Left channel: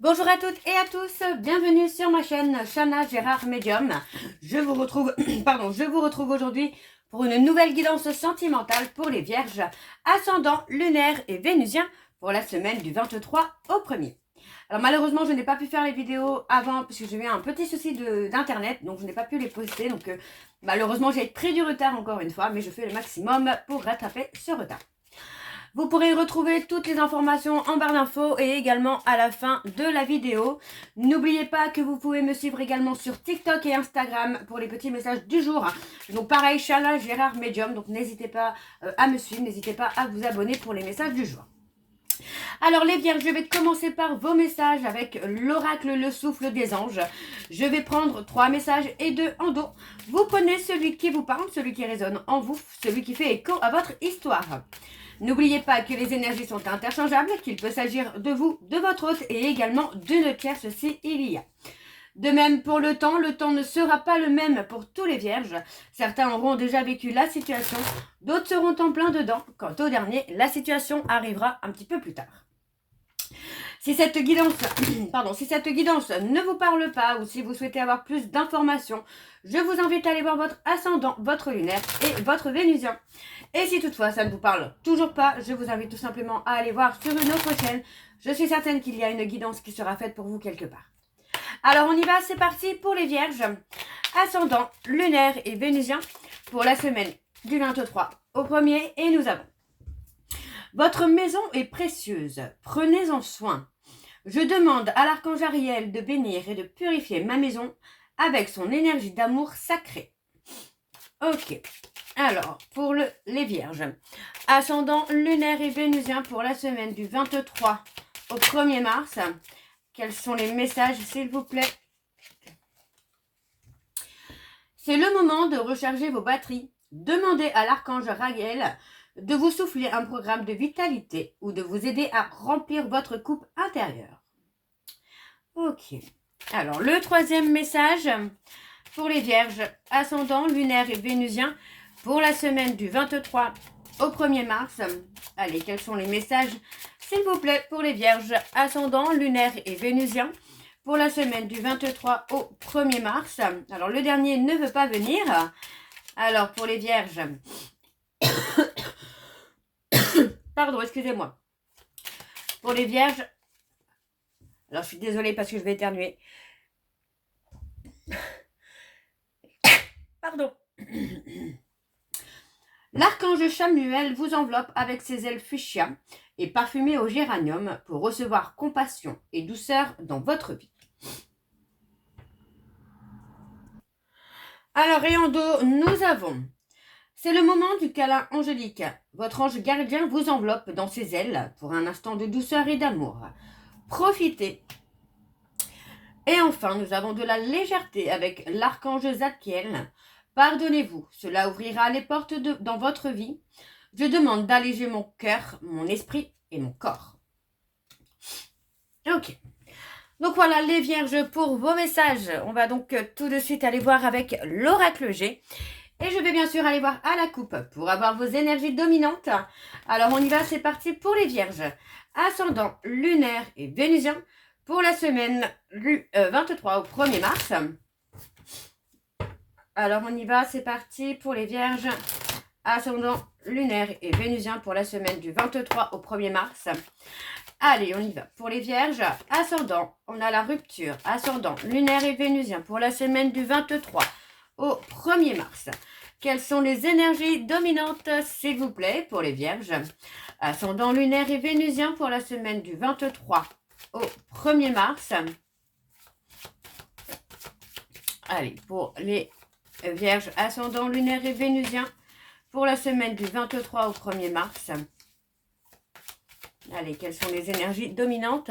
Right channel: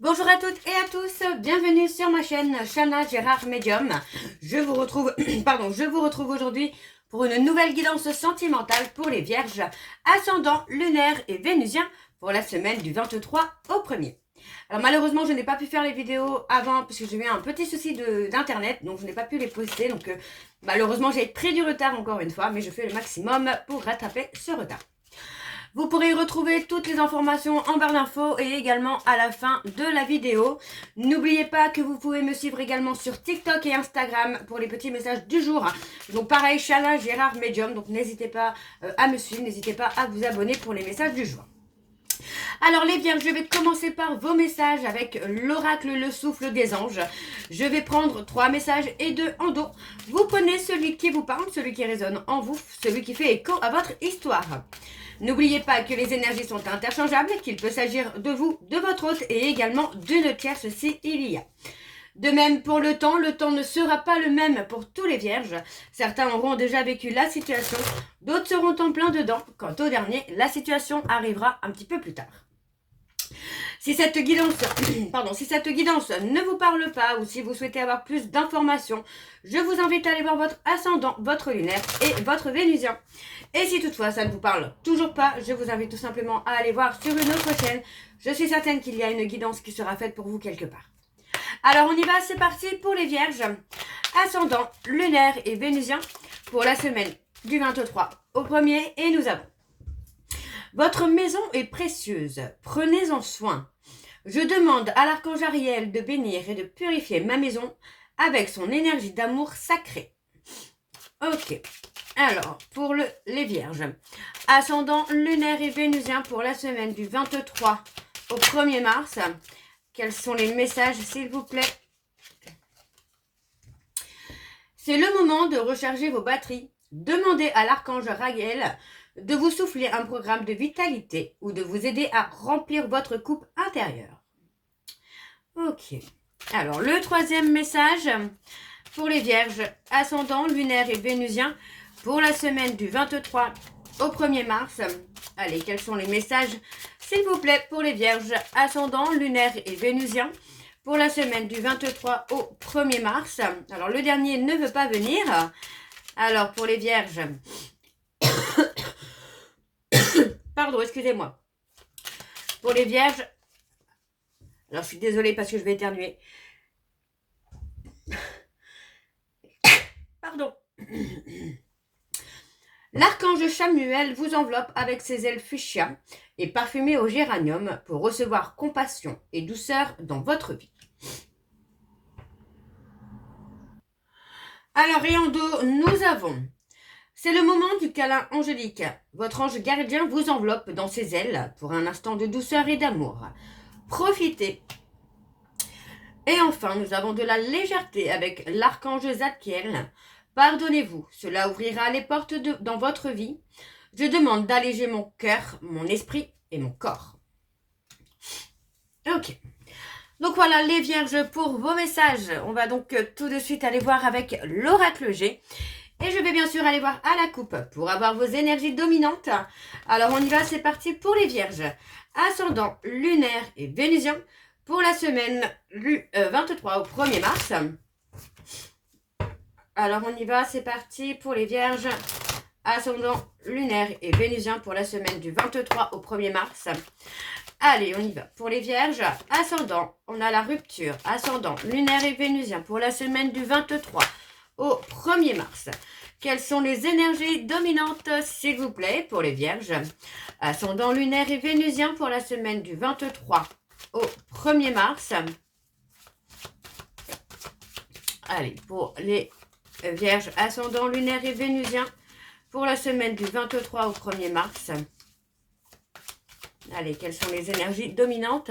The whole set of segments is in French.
Bonjour à toutes et à tous, bienvenue sur ma chaîne Chana Gérard Medium. Je vous retrouve, je vous retrouve aujourd'hui pour une nouvelle guidance sentimentale pour les vierges, ascendant, lunaire et vénusien pour la semaine du 23 au 1er. Alors malheureusement je n'ai pas pu faire les vidéos avant parce que j'ai eu un petit souci d'internet, donc je n'ai pas pu les poster, donc malheureusement j'ai pris du retard encore une fois, mais je fais le maximum pour rattraper ce retard. Vous pourrez retrouver toutes les informations en barre d'infos et également à la fin de la vidéo. N'oubliez pas que vous pouvez me suivre également sur TikTok et Instagram pour les petits messages du jour. Donc pareil, Chana Gérard Medium, donc n'hésitez pas à me suivre, n'hésitez pas à vous abonner pour les messages du jour. Alors les vierges, je vais commencer par vos messages avec l'oracle, le souffle des anges. Je vais prendre 3 messages et 2 en dos. Vous prenez celui qui vous parle, celui qui résonne en vous, celui qui fait écho à votre histoire. N'oubliez pas que les énergies sont interchangeables, qu'il peut s'agir de vous, de votre hôte et également d'une tierce si il y a. De même pour le temps ne sera pas le même pour tous les vierges. Certains auront déjà vécu la situation, d'autres seront en plein dedans. Quant au dernier, la situation arrivera un petit peu plus tard. Si cette guidance, ne vous parle pas ou si vous souhaitez avoir plus d'informations, je vous invite à aller voir votre ascendant, votre lunaire et votre vénusien. Et si toutefois ça ne vous parle toujours pas, je vous invite tout simplement à aller voir sur une autre chaîne. Je suis certaine qu'il y a une guidance qui sera faite pour vous quelque part. Alors on y va, c'est parti pour les vierges. Ascendant, lunaire et vénusien pour la semaine du 23 au 1er et nous avons: votre maison est précieuse, prenez-en soin. Je demande à l'archange Ariel de bénir et de purifier ma maison avec son énergie d'amour sacré. Ok, alors pour les vierges, ascendant, lunaire et vénusien pour la semaine du 23 au 1er mars, quels sont les messages s'il vous plaît? C'est le moment de recharger vos batteries. Demandez à l'archange Ariel de vous souffler un programme de vitalité ou de vous aider à remplir votre coupe intérieure. Ok. Alors, le troisième message pour les vierges, ascendant, lunaire et vénusien pour la semaine du 23 au 1er mars. Allez, quels sont les messages, s'il vous plaît, pour les vierges, ascendant, lunaire et vénusien pour la semaine du 23 au 1er mars. Alors, le dernier ne veut pas venir. Alors, pour les vierges... Pardon, excusez-moi. Pour les vierges... Alors, je suis désolée parce que je vais éternuer. Pardon. L'archange Chamuel vous enveloppe avec ses ailes fuchsia et parfumées au géranium pour recevoir compassion et douceur dans votre vie. Alors, et en dos, nous avons... C'est le moment du câlin angélique. Votre ange gardien vous enveloppe dans ses ailes pour un instant de douceur et d'amour. Profitez. Et enfin, nous avons de la légèreté avec l'archange Zadkiel. Pardonnez-vous, cela ouvrira les portes dans votre vie. Je demande d'alléger mon cœur, mon esprit et mon corps. Ok. Donc voilà les vierges pour vos messages. On va donc tout de suite aller voir avec l'oracle G. Et je vais bien sûr aller voir à la coupe pour avoir vos énergies dominantes. Alors on y va, c'est parti pour les vierges. Ascendant, lunaire et vénusien pour la semaine du 23 au 1er mars. Alors on y va, c'est parti pour les vierges. Ascendant, lunaire et vénusien pour la semaine du 23 au 1er mars. Allez, on y va. Pour les vierges, ascendant, on a la rupture. Ascendant, lunaire et vénusien pour la semaine du 23 au 1er mars. Quelles sont les énergies dominantes, s'il vous plaît, pour les vierges? Ascendant, lunaire et vénusien pour la semaine du 23 au 1er mars. Allez, pour les vierges, ascendant, lunaire et vénusien pour la semaine du 23 au 1er mars. Allez, quelles sont les énergies dominantes?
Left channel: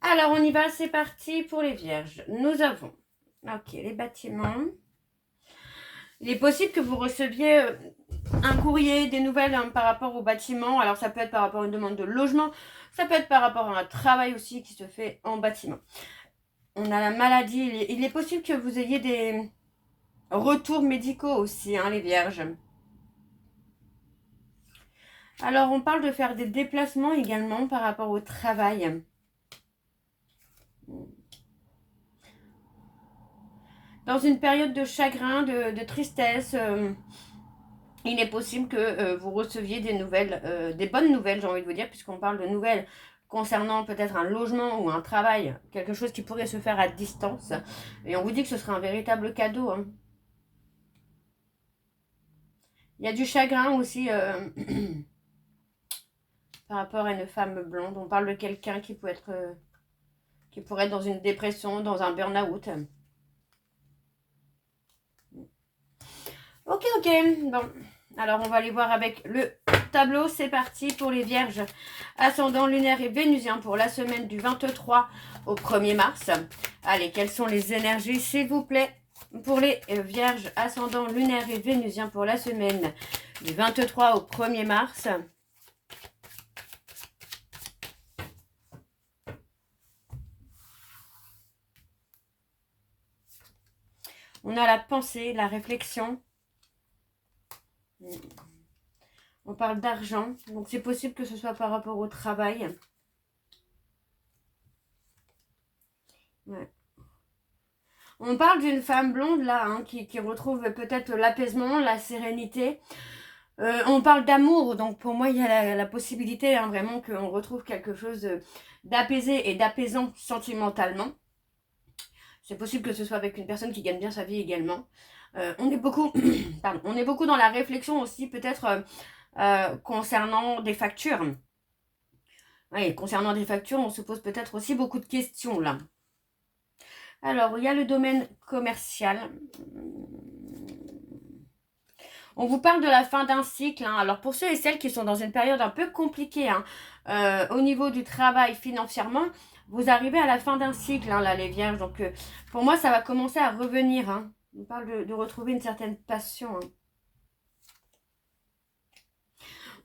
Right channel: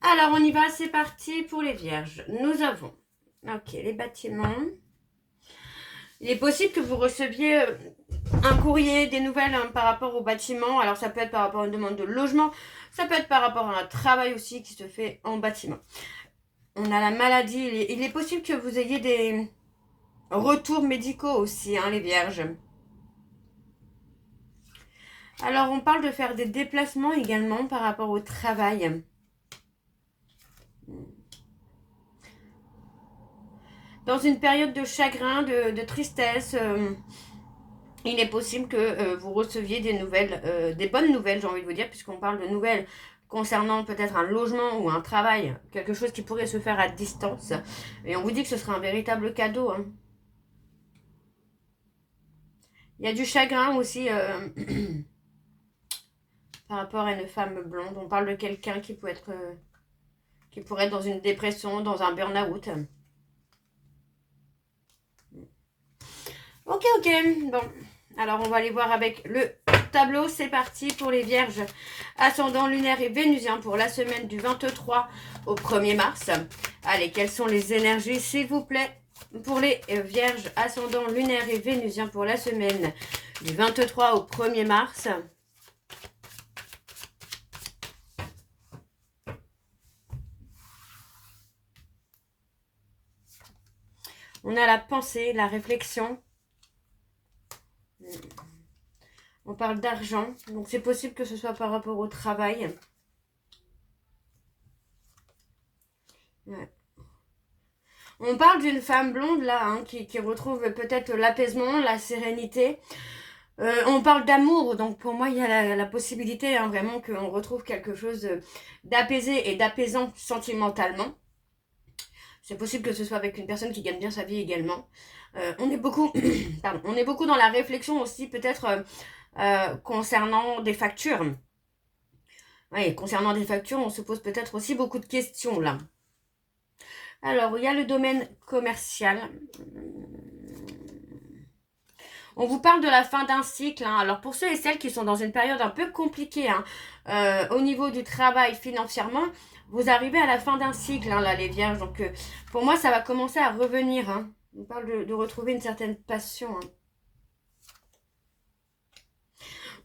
Alors, on y va, c'est parti pour les vierges. Nous avons, ok, les bâtiments. Il est possible que vous receviez un courrier, des nouvelles par rapport au bâtiment. Alors, ça peut être par rapport à une demande de logement. Ça peut être par rapport à un travail aussi qui se fait en bâtiment. On a la maladie. Il est possible que vous ayez des retours médicaux aussi, les vierges. Alors, on parle de faire des déplacements également par rapport au travail. dans une période de chagrin, de tristesse. Il est possible que vous receviez des nouvelles, des bonnes nouvelles, j'ai envie de vous dire, puisqu'on parle de nouvelles concernant peut-être un logement ou un travail, quelque chose qui pourrait se faire à distance. Et on vous dit que ce sera un véritable cadeau. Hein. Il y a du chagrin aussi par rapport à une femme blonde. On parle de quelqu'un qui pourrait être dans une dépression, dans un burn-out. Ok, bon. Alors, on va aller voir avec le tableau. C'est parti pour les vierges. Ascendant lunaire et vénusien pour la semaine du 23 au 1er mars. Allez, quelles sont les énergies, s'il vous plaît, pour les vierges ascendant lunaire et vénusien pour la semaine du 23 au 1er mars. On a la pensée, la réflexion. On parle d'argent, donc c'est possible que ce soit par rapport au travail. Ouais. On parle d'une femme blonde là, hein, qui retrouve peut-être l'apaisement, la sérénité. On parle d'amour, donc pour moi il y a la possibilité hein, vraiment qu'on retrouve quelque chose d'apaisé et d'apaisant sentimentalement. C'est possible que ce soit avec une personne qui gagne bien sa vie également. On est beaucoup, pardon, on est beaucoup dans la réflexion aussi peut-être concernant des factures. Oui, concernant des factures, on se pose peut-être aussi beaucoup de questions là. Alors, il y a le domaine commercial. On vous parle de la fin d'un cycle. Hein. Alors, pour ceux et celles qui sont dans une période un peu compliquée hein, au niveau du travail financièrement, vous arrivez à la fin d'un cycle, hein, là, les vierges. Donc, pour moi, ça va commencer à revenir. Hein. On parle de retrouver une certaine passion. Hein.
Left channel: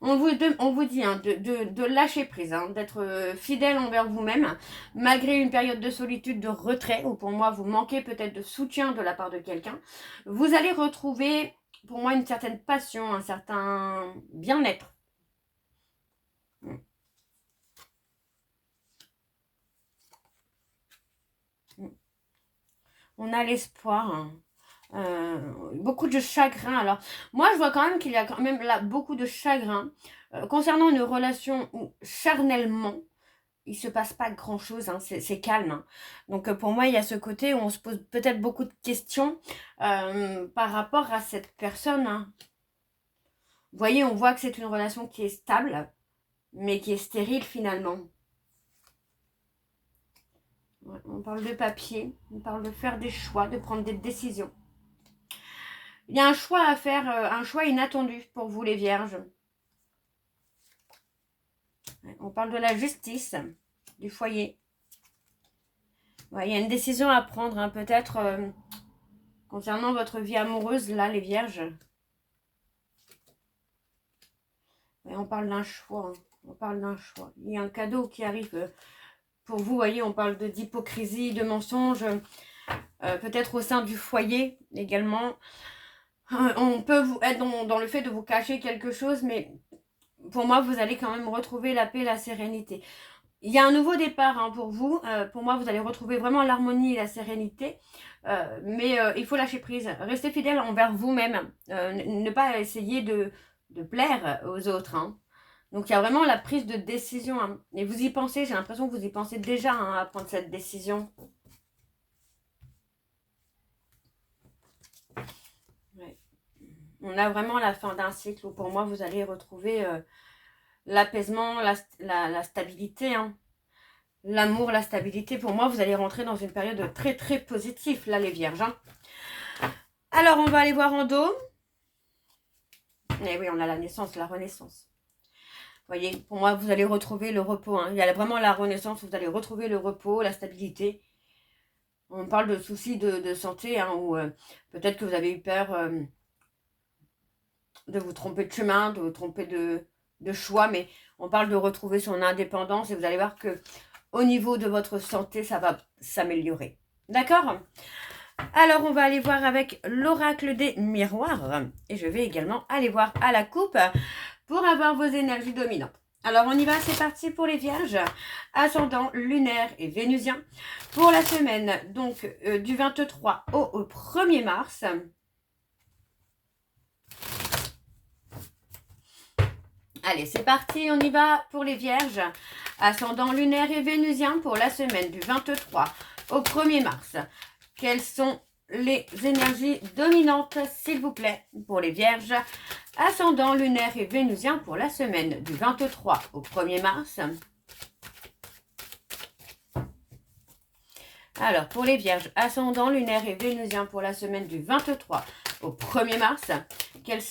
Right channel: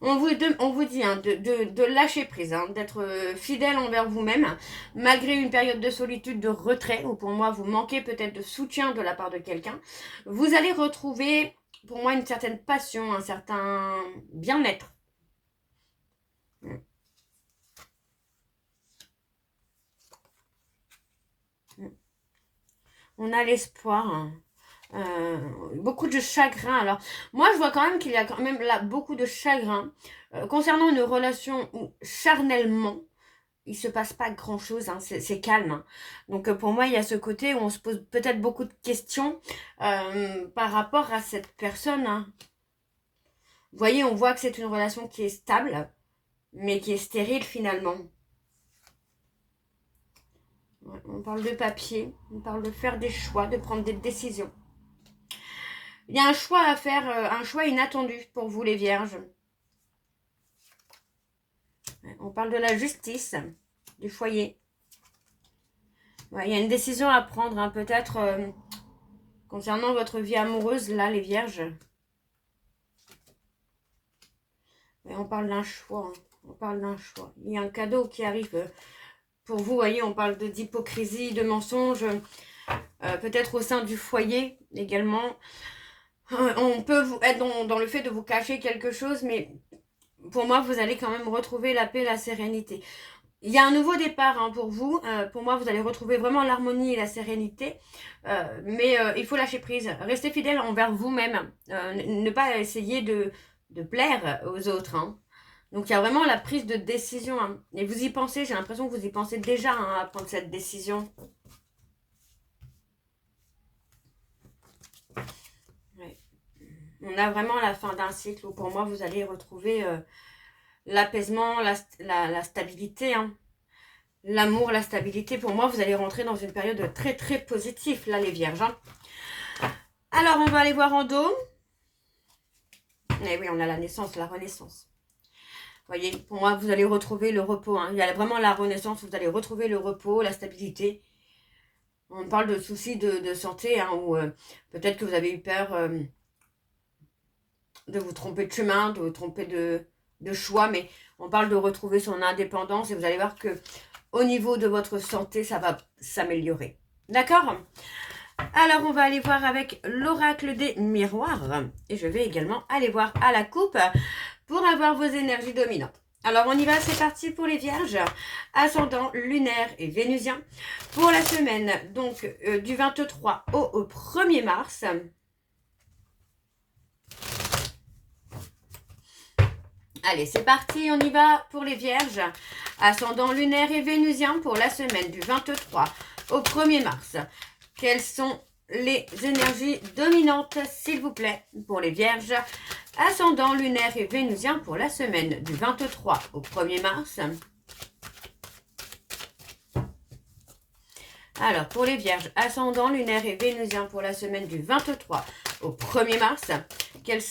On vous dit hein, de lâcher prise, hein, d'être fidèle envers vous-même, malgré une période de solitude, de retrait, où pour moi, vous manquez peut-être de soutien de la part de quelqu'un. Vous allez retrouver, pour moi, une certaine passion, un certain bien-être. On a l'espoir. Hein. Beaucoup de chagrin. Alors, moi, je vois quand même qu'il y a quand même là beaucoup de chagrin concernant une relation où, charnellement, il se passe pas grand-chose. Hein, c'est calme. Hein. Donc, pour moi, il y a ce côté où on se pose peut-être beaucoup de questions par rapport à cette personne. Hein. Vous voyez, on voit que c'est une relation qui est stable, mais qui est stérile finalement. Ouais, on parle de papier, on parle de faire des choix, de prendre des décisions. Il y a un choix à faire, un choix inattendu pour vous les vierges. On parle de la justice, du foyer. Ouais, il y a une décision à prendre, hein, peut-être concernant votre vie amoureuse, là, les vierges. Ouais, on parle d'un choix, hein, on parle d'un choix. Il y a un cadeau qui arrive pour vous, voyez, on parle d'hypocrisie, de mensonge, peut-être au sein du foyer également. On peut être dans le fait de vous cacher quelque chose, mais pour moi, vous allez quand même retrouver la paix, la sérénité. Il y a un nouveau départ hein, pour vous. Pour moi, vous allez retrouver vraiment l'harmonie et la sérénité. Mais il faut lâcher prise. Restez fidèle envers vous-même. Ne pas essayer de plaire aux autres. Hein. Donc, il y a vraiment la prise de décision. Hein. Et vous y pensez, j'ai l'impression que vous y pensez déjà hein, à prendre cette décision. Ouais. On a vraiment la fin d'un cycle où pour moi, vous allez retrouver l'apaisement, la stabilité. Hein. L'amour, la stabilité. Pour moi, vous allez rentrer dans une période très, très positive, là, les vierges. Hein. Alors, on va aller voir en dos. Et oui, on a la naissance, la renaissance. Vous voyez, pour moi, vous allez retrouver le repos. Hein. Il y a vraiment la renaissance, vous allez retrouver le repos, la stabilité. On parle de soucis de santé, hein, ou peut-être que vous avez eu peur de vous tromper de chemin, de vous tromper de choix, mais on parle de retrouver son indépendance et vous allez voir que au niveau de votre santé, ça va s'améliorer. D'accord ? Alors, on va aller voir avec l'oracle des miroirs. Et je vais également aller voir à la coupe pour avoir vos énergies dominantes. Alors, on y va, c'est parti pour les vierges. Ascendant lunaire et vénusien. Pour la semaine, donc, du 23 au 1er mars. Allez, c'est parti, on y va pour les vierges. Ascendant lunaire et vénusien pour la semaine du 23 au 1er mars. Quelles sont les énergies dominantes, s'il vous plaît, pour les vierges? Ascendant lunaire et vénusien pour la semaine du 23 au 1er mars. Alors, pour les vierges, ascendant lunaire et vénusien pour la semaine du 23 au 1er mars. Quelles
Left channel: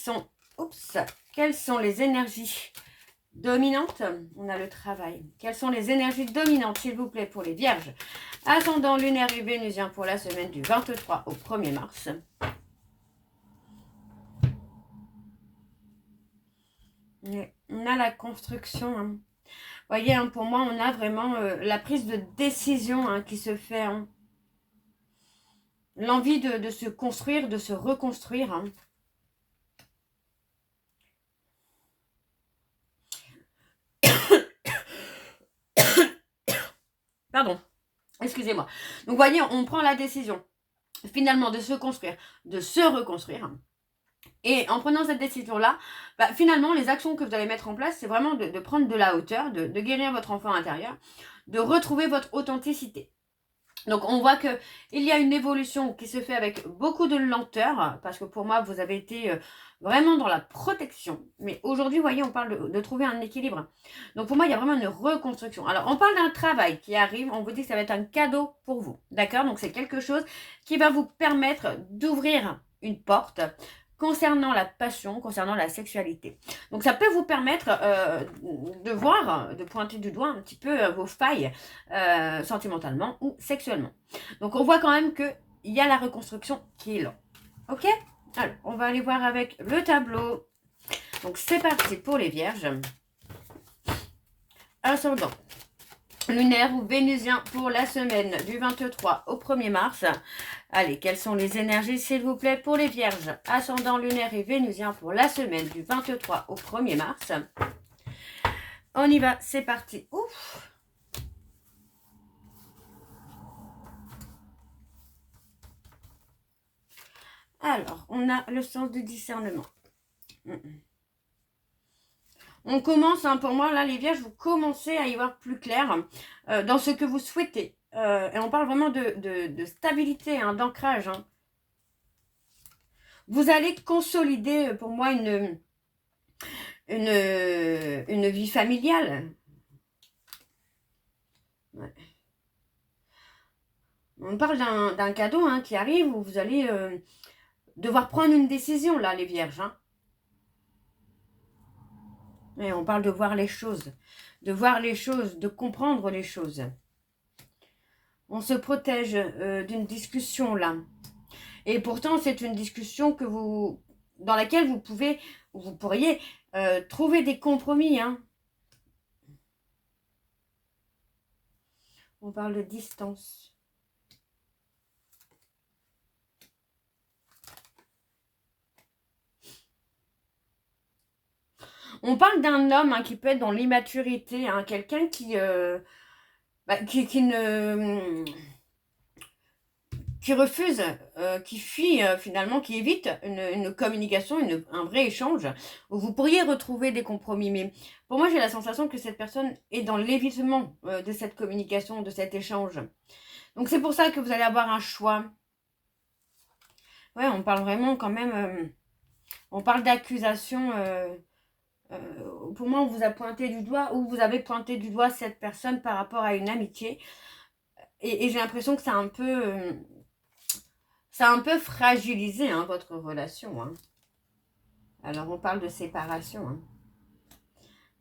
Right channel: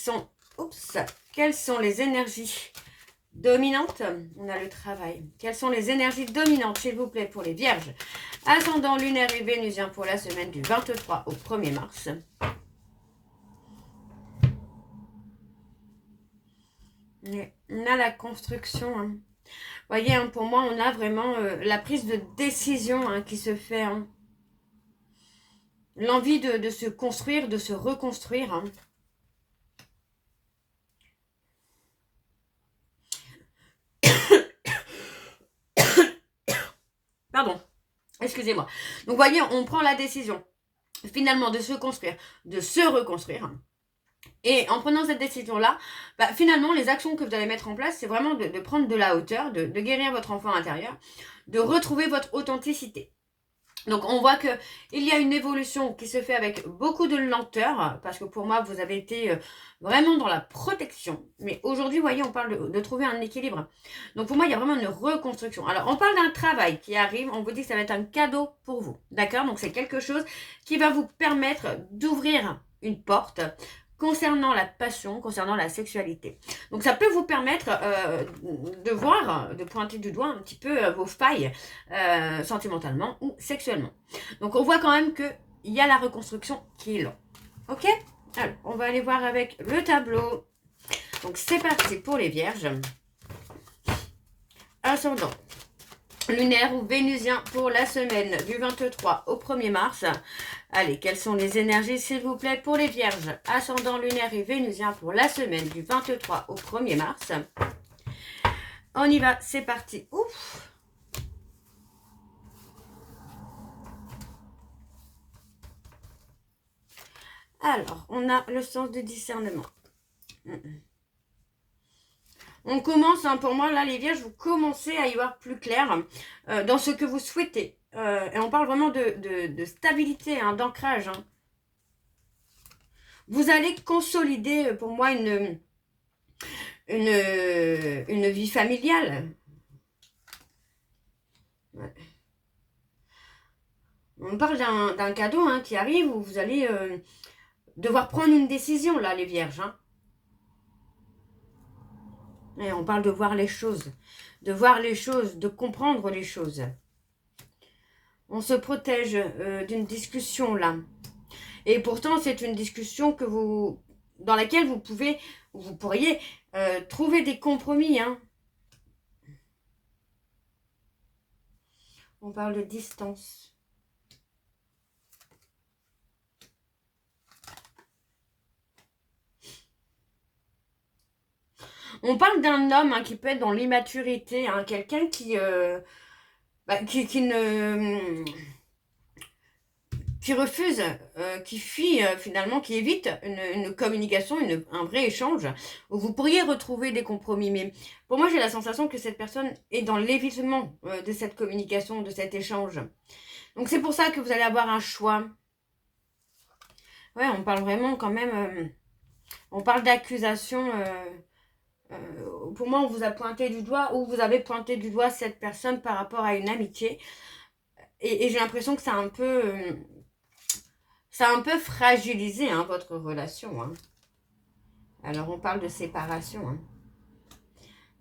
sont les énergies dominantes? On a le travail. Quelles sont les énergies dominantes, s'il vous plaît, pour les vierges? Ascendant lunaire et vénusien pour la semaine du 23 au 1er mars. On a la construction. Hein. Vous voyez, hein, pour moi, on a vraiment la prise de décision hein, qui se fait. Hein. L'envie de se construire, de se reconstruire. Hein. Pardon, excusez-moi. Donc, vous voyez, on prend la décision, finalement, de se construire, de se reconstruire. Et en prenant cette décision-là, bah, finalement, les actions que vous allez mettre en place, c'est vraiment de prendre de la hauteur, de guérir votre enfant intérieur, de retrouver votre authenticité. Donc, on voit qu'il y a une évolution qui se fait avec beaucoup de lenteur, parce que pour moi, vous avez été vraiment dans la protection. Mais aujourd'hui, vous voyez, on parle de trouver un équilibre. Donc, pour moi, il y a vraiment une reconstruction. Alors, on parle d'un travail qui arrive, on vous dit que ça va être un cadeau pour vous. D'accord? Donc, c'est quelque chose qui va vous permettre d'ouvrir une porte concernant la passion, concernant la sexualité. Donc, ça peut vous permettre de voir, de pointer du doigt un petit peu vos failles sentimentalement ou sexuellement. Donc, on voit quand même qu'il y a la reconstruction qui est là. Ok? Alors, on va aller voir avec le tableau. Donc, c'est parti pour les vierges. Ascendant lunaire ou vénusien pour la semaine du 23 au 1er mars. Allez, quelles sont les énergies, s'il vous plaît, pour les vierges? Ascendant lunaire et vénusien pour la semaine du 23 au 1er mars. On y va, c'est parti. Ouf! Alors, on a le sens du discernement. On commence, hein, pour moi, là, les vierges, vous commencez à y voir plus clair dans ce que vous souhaitez. Et on parle vraiment de stabilité, hein, d'ancrage. Hein. Vous allez consolider, pour moi, une vie familiale. Ouais. On parle d'un cadeau hein, qui arrive où vous allez devoir prendre une décision, là, les vierges. Hein. Et on parle de voir les choses, de comprendre les choses. On se protège d'une discussion, là. Et pourtant, c'est une discussion dans laquelle vous pourriez trouver des compromis. Hein. On parle de distance. On parle d'un homme hein, qui peut être dans l'immaturité, hein, quelqu'un qui refuse, qui fuit finalement, qui évite une communication, un vrai échange, où vous pourriez retrouver des compromis. Mais pour moi, j'ai la sensation que cette personne est dans l'évitement de cette communication, de cet échange. Donc c'est pour ça que vous allez avoir un choix. Ouais, on parle vraiment quand même, on parle d'accusation. Pour moi, on vous a pointé du doigt, ou vous avez pointé du doigt cette personne par rapport à une amitié. Et j'ai l'impression que ça a un peu fragilisé hein, votre relation. Hein. Alors, on parle de séparation. Hein.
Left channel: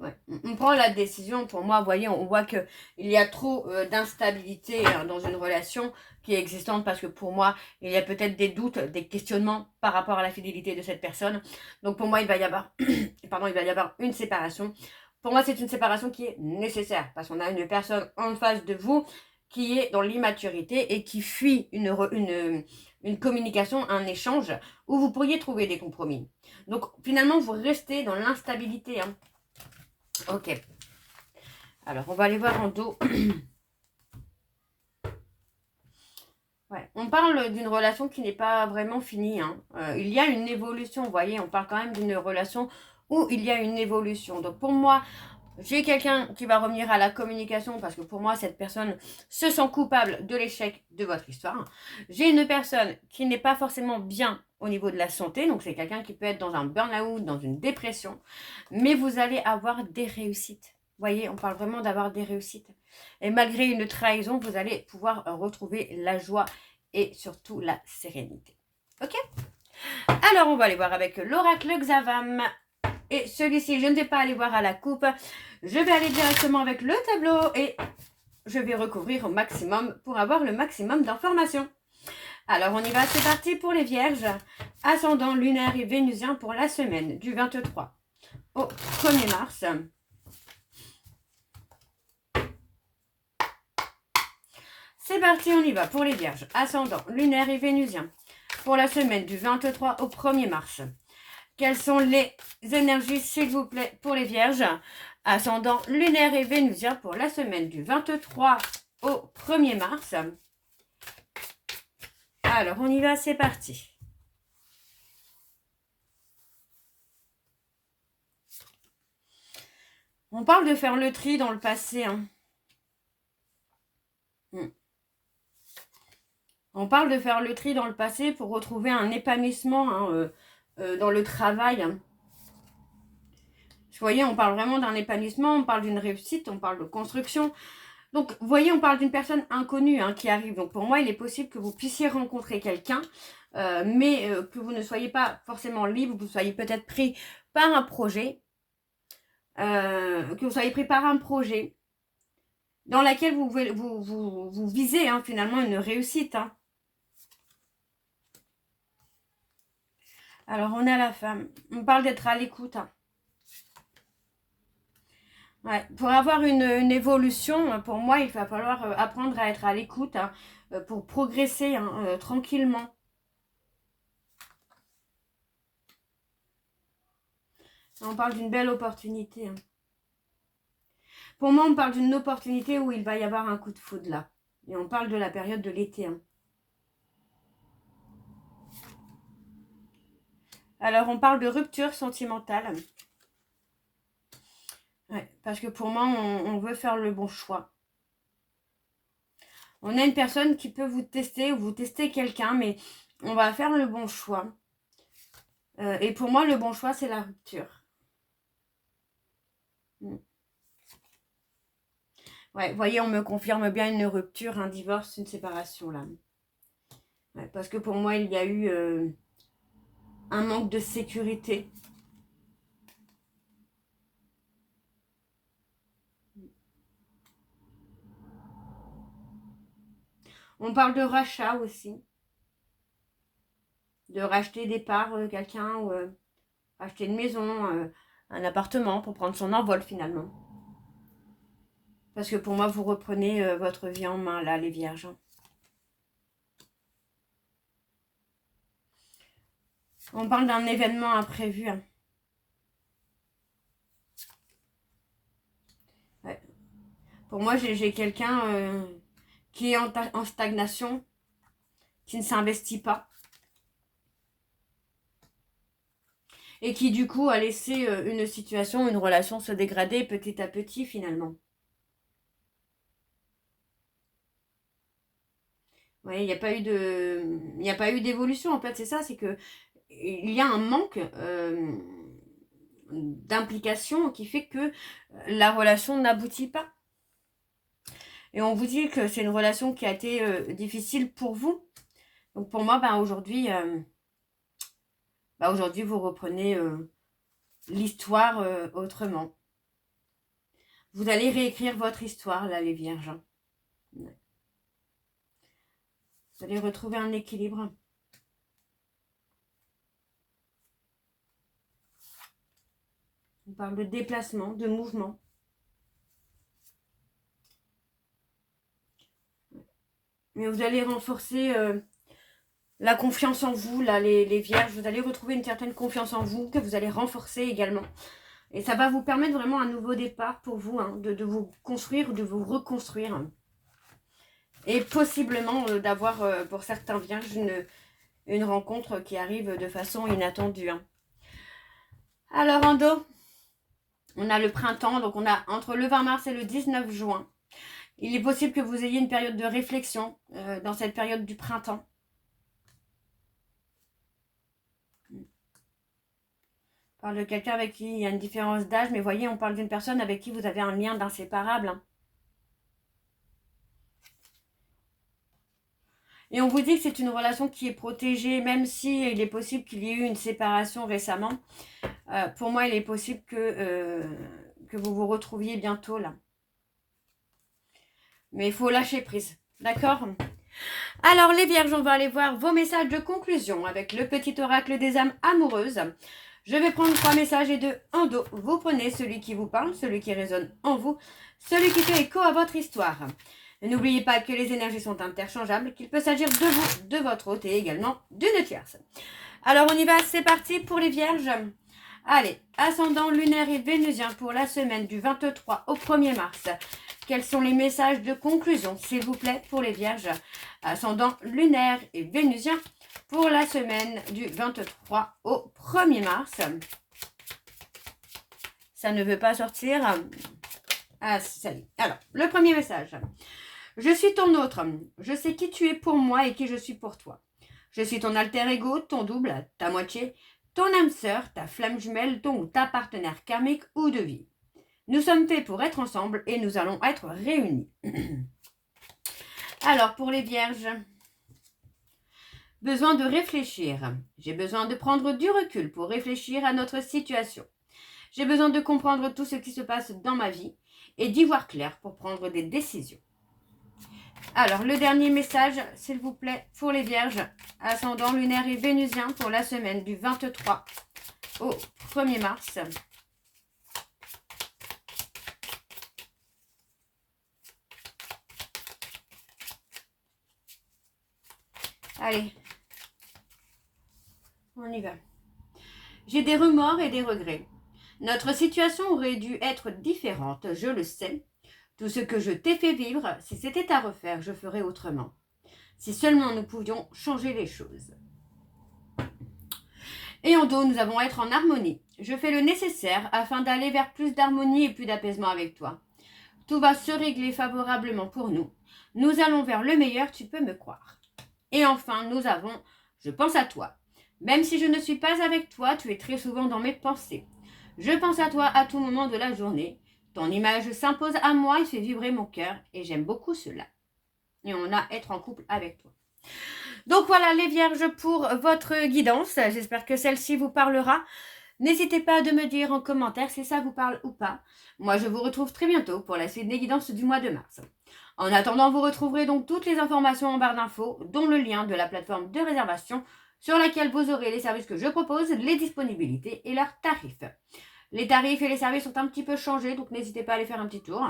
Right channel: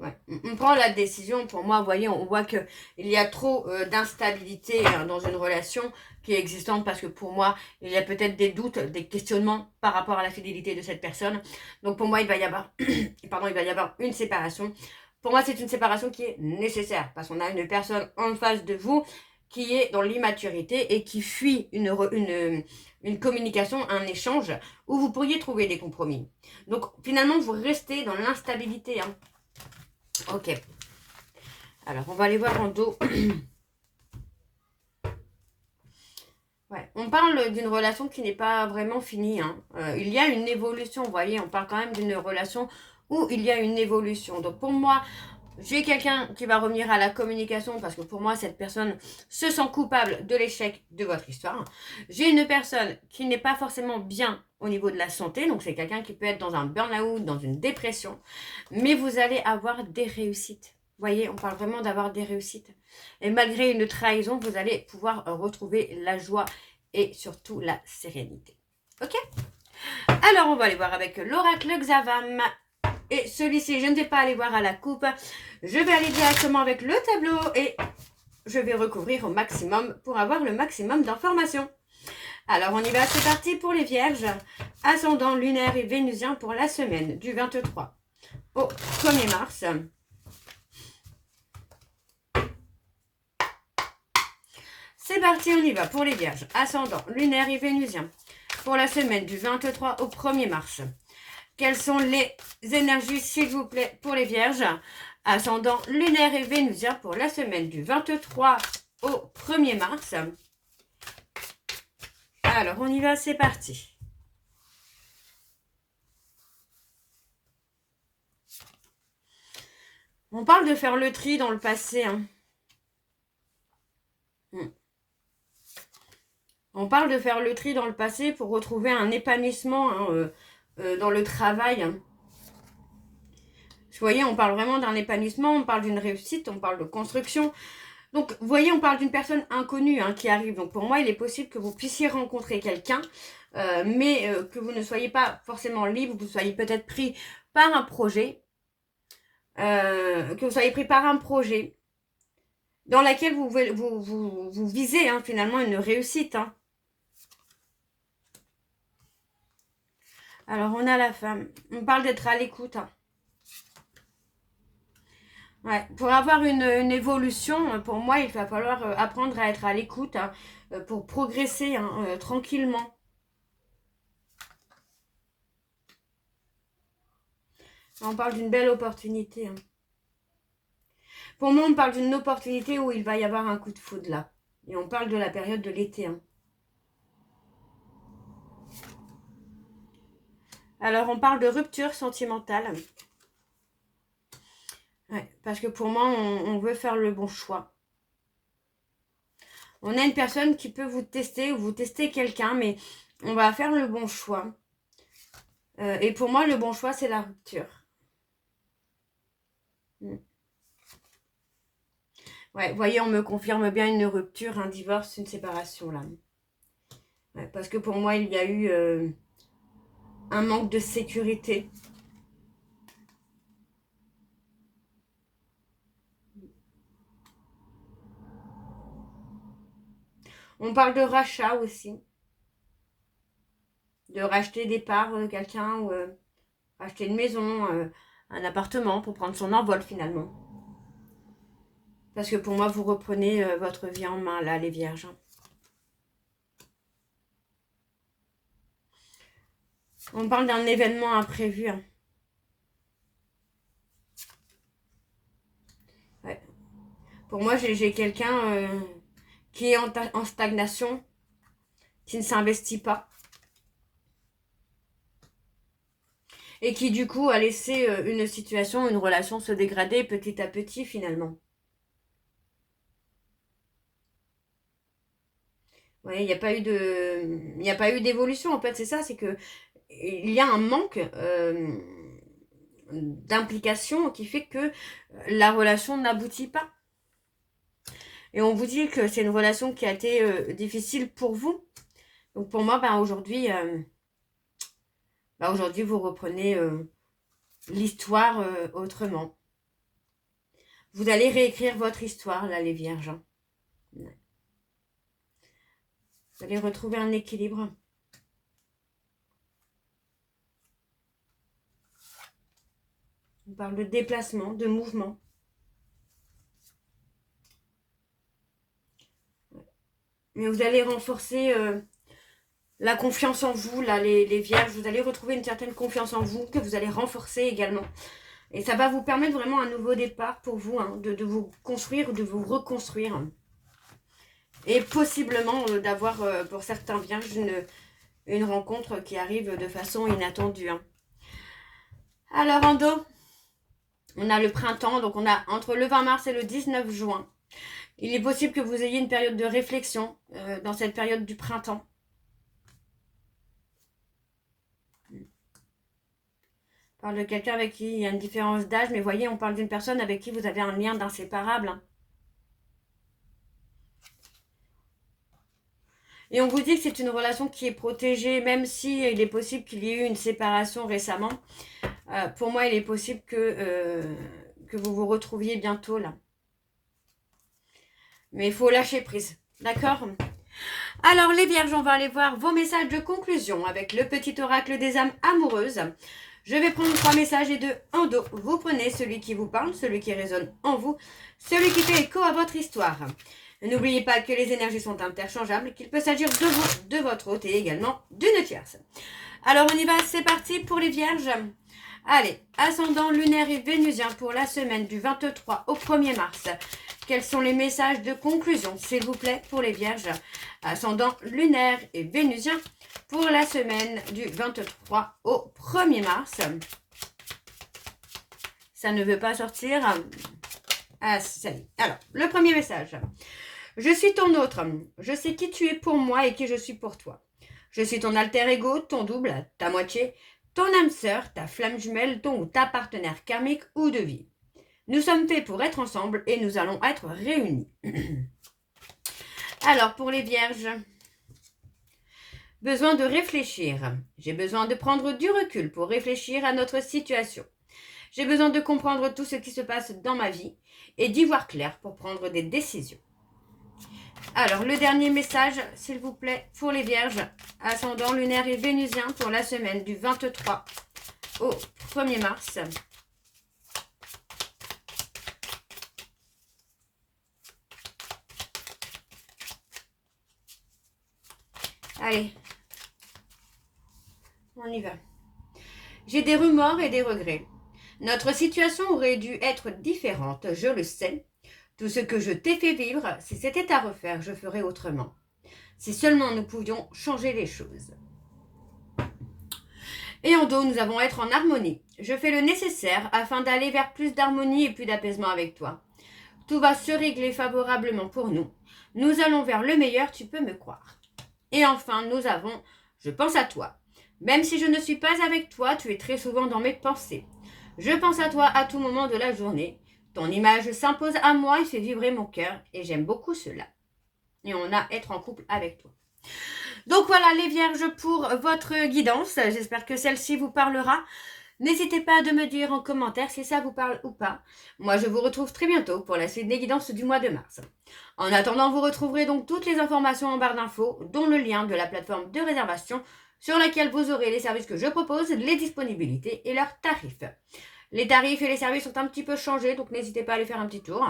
Ouais. On prend la décision, pour moi, vous voyez, on voit qu'il y a trop d'instabilité hein, dans une relation qui est existante parce que pour moi, il y a peut-être des doutes, des questionnements par rapport à la fidélité de cette personne. Donc, pour moi, il va y avoir une séparation. Pour moi, c'est une séparation qui est nécessaire parce qu'on a une personne en face de vous qui est dans l'immaturité et qui fuit une communication, un échange où vous pourriez trouver des compromis. Donc, finalement, vous restez dans l'instabilité. Hein. Ok. Alors, on va aller voir en dos. Ouais. On parle d'une relation qui n'est pas vraiment finie. Hein. Il y a une évolution, vous voyez. On parle quand même d'une relation où il y a une évolution. Donc, pour moi, j'ai quelqu'un qui va revenir à la communication parce que pour moi, cette personne se sent coupable de l'échec de votre histoire. J'ai une personne qui n'est pas forcément bien au niveau de la santé. Donc, c'est quelqu'un qui peut être dans un burn-out, dans une dépression. Mais vous allez avoir des réussites. Vous voyez, on parle vraiment d'avoir des réussites. Et malgré une trahison, vous allez pouvoir retrouver la joie et surtout la sérénité. Ok? Alors, on va aller voir avec l'oracle Xavam. Et celui-ci, je ne vais pas aller voir à la coupe. Je vais aller directement avec le tableau et je vais recouvrir au maximum pour avoir le maximum d'informations. Alors, on y va, c'est parti pour les vierges. Ascendant lunaire et vénusien pour la semaine du 23 au 1er mars. C'est parti, on y va pour les vierges. Ascendant lunaire et vénusien pour la semaine du 23 au 1er mars. Quelles sont les énergies, s'il vous plaît, pour les vierges? Ascendant lunaire et vénusien pour la semaine du 23 au 1er mars. Alors, on y va, c'est parti. On parle de faire le tri dans le passé. Hein. On parle de faire le tri dans le passé pour retrouver un épanouissement hein, dans le travail. Hein. Vous voyez, on parle vraiment d'un épanouissement, on parle d'une réussite, on parle de construction. Donc, vous voyez, on parle d'une personne inconnue hein, qui arrive. Donc, pour moi, il est possible que vous puissiez rencontrer quelqu'un, mais que vous ne soyez pas forcément libre, que vous soyez peut-être pris par un projet, dans lequel vous visez hein, finalement une réussite. Hein. Alors, on a la femme. On parle d'être à l'écoute. Hein. Ouais. Pour avoir une évolution, pour moi, il va falloir apprendre à être à l'écoute hein, pour progresser hein, tranquillement. On parle d'une belle opportunité. Hein. Pour moi, on parle d'une opportunité où il va y avoir un coup de foudre là. Et on parle de la période de l'été. Hein. Alors, on parle de rupture sentimentale. Ouais, parce que pour moi, on veut faire le bon choix. On a une personne qui peut vous tester ou vous tester quelqu'un, mais on va faire le bon choix. Et pour moi, le bon choix, c'est la rupture. Ouais, vous voyez, on me confirme bien une rupture, un divorce, une séparation là. Ouais, parce que pour moi, il y a eu un manque de sécurité. On parle de rachat aussi. De racheter des parts de quelqu'un ou acheter une maison, un appartement pour prendre son envol finalement. Parce que pour moi, vous reprenez votre vie en main là, les vierges. On parle d'un événement imprévu. Hein. Ouais. Pour moi, j'ai quelqu'un qui est en stagnation, qui ne s'investit pas. Et qui du coup a laissé une situation, une relation se dégrader petit à petit finalement. Ouais, il n'y a pas eu d'évolution en fait, c'est ça, c'est que il y a un manque d'implication qui fait que la relation n'aboutit pas. Et on vous dit que c'est une relation qui a été difficile pour vous. Donc pour moi, aujourd'hui, vous reprenez l'histoire autrement. Vous allez réécrire votre histoire, là, les vierges. Vous allez retrouver un équilibre. On parle de déplacement, de mouvement. Mais vous allez renforcer la confiance en vous, là, les vierges. Vous allez retrouver une certaine confiance en vous que vous allez renforcer également. Et ça va vous permettre vraiment un nouveau départ pour vous, hein, de vous construire ou de vous reconstruire. Et possiblement d'avoir, pour certains vierges, une rencontre qui arrive de façon inattendue. Hein. Alors, en dos, on a le printemps, donc on a entre le 20 mars et le 19 juin. Il est possible que vous ayez une période de réflexion dans cette période du printemps. On parle de quelqu'un avec qui il y a une différence d'âge, mais voyez, on parle d'une personne avec qui vous avez un lien d'inséparable. Hein. Et on vous dit que c'est une relation qui est protégée, même si il est possible qu'il y ait eu une séparation récemment. Pour moi, il est possible que vous vous retrouviez bientôt là. Mais il faut lâcher prise, d'accord? Alors les vierges, on va aller voir vos messages de conclusion avec le petit oracle des âmes amoureuses. Je vais prendre 3 messages et 2 en dos. Vous prenez celui qui vous parle, celui qui résonne en vous, celui qui fait écho à votre histoire. N'oubliez pas que les énergies sont interchangeables, qu'il peut s'agir de vous, de votre hôte et également d'une tierce. Alors on y va, c'est parti pour les vierges. Allez, ascendant lunaire et vénusien pour la semaine du 23 au 1er mars. Quels sont les messages de conclusion, s'il vous plaît, pour les vierges? Ascendant lunaire et vénusien pour la semaine du 23 au 1er mars. Ça ne veut pas sortir. Ah, ça y est. Alors, le premier message. Je suis ton autre. Je sais qui tu es pour moi et qui je suis pour toi. Je suis ton alter ego, ton double, ta moitié, ton âme sœur, ta flamme jumelle, ton ou ta partenaire karmique ou de vie. Nous sommes faits pour être ensemble et nous allons être réunis. Alors, pour les vierges, besoin de réfléchir. J'ai besoin de prendre du recul pour réfléchir à notre situation. J'ai besoin de comprendre tout ce qui se passe dans ma vie et d'y voir clair pour prendre des décisions. Alors, le dernier message, s'il vous plaît, pour les vierges, ascendant lunaire et vénusien pour la semaine du 23 au 1er mars. Allez, on y va. J'ai des remords et des regrets. Notre situation aurait dû être différente, je le sais. Tout ce que je t'ai fait vivre, si c'était à refaire, je ferais autrement. Si seulement nous pouvions changer les choses. Et en dos, nous allons être en harmonie. Je fais le nécessaire afin d'aller vers plus d'harmonie et plus d'apaisement avec toi. Tout va se régler favorablement pour nous. Nous allons vers le meilleur, tu peux me croire. Et enfin, nous avons « Je pense à toi ». Même si je ne suis pas avec toi, tu es très souvent dans mes pensées. Je pense à toi à tout moment de la journée. Ton image s'impose à moi et fait vibrer mon cœur et j'aime beaucoup cela. Et on a être en couple avec toi. Donc voilà les vierges pour votre guidance. J'espère que celle-ci vous parlera. N'hésitez pas à me dire en commentaire si ça vous parle ou pas. Moi je vous retrouve très bientôt pour la suite des guidances du mois de mars. En attendant, vous retrouverez donc toutes les informations en barre d'infos, dont le lien de la plateforme de réservation sur laquelle vous aurez les services que je propose, les disponibilités et leurs tarifs. Les tarifs et les services sont un petit peu changés, donc n'hésitez pas à aller faire un petit tour.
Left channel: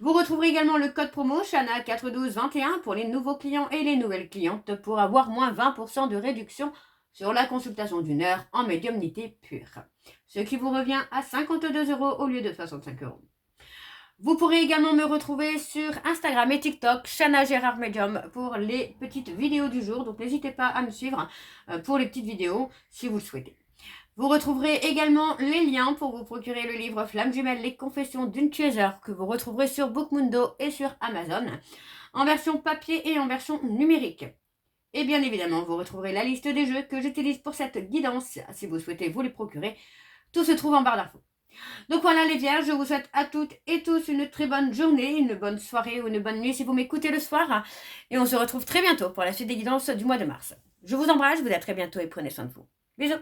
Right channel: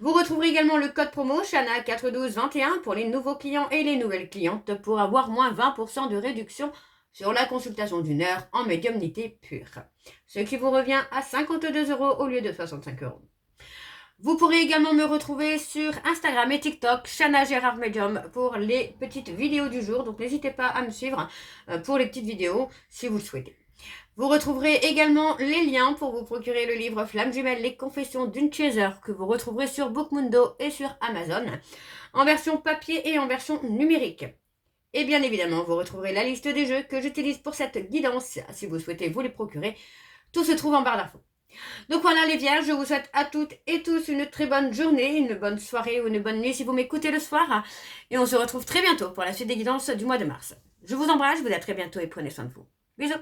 Vous retrouverez également le code promo Chana41221 pour les nouveaux clients et les nouvelles clientes pour avoir moins 20% de réduction sur la consultation d'1 heure en médiumnité pure. Ce qui vous revient à 52 € au lieu de 65 €. Vous pourrez également me retrouver sur Instagram et TikTok, Chana Gérard Medium, pour les petites vidéos du jour. Donc n'hésitez pas à me suivre pour les petites vidéos si vous le souhaitez. Vous retrouverez également les liens pour vous procurer le livre Flamme Jumelle, les confessions d'une chaser, que vous retrouverez sur Bookmundo et sur Amazon, en version papier et en version numérique. Et bien évidemment, vous retrouverez la liste des jeux que j'utilise pour cette guidance, si vous souhaitez vous les procurer. Tout se trouve en barre d'infos. Donc voilà les vierges, je vous souhaite à toutes et tous une très bonne journée, une bonne soirée ou une bonne nuit si vous m'écoutez le soir. Et on se retrouve très bientôt pour la suite des guidances du mois de mars. Je vous embrasse, je vous dis à très bientôt et prenez soin de vous. Bisous.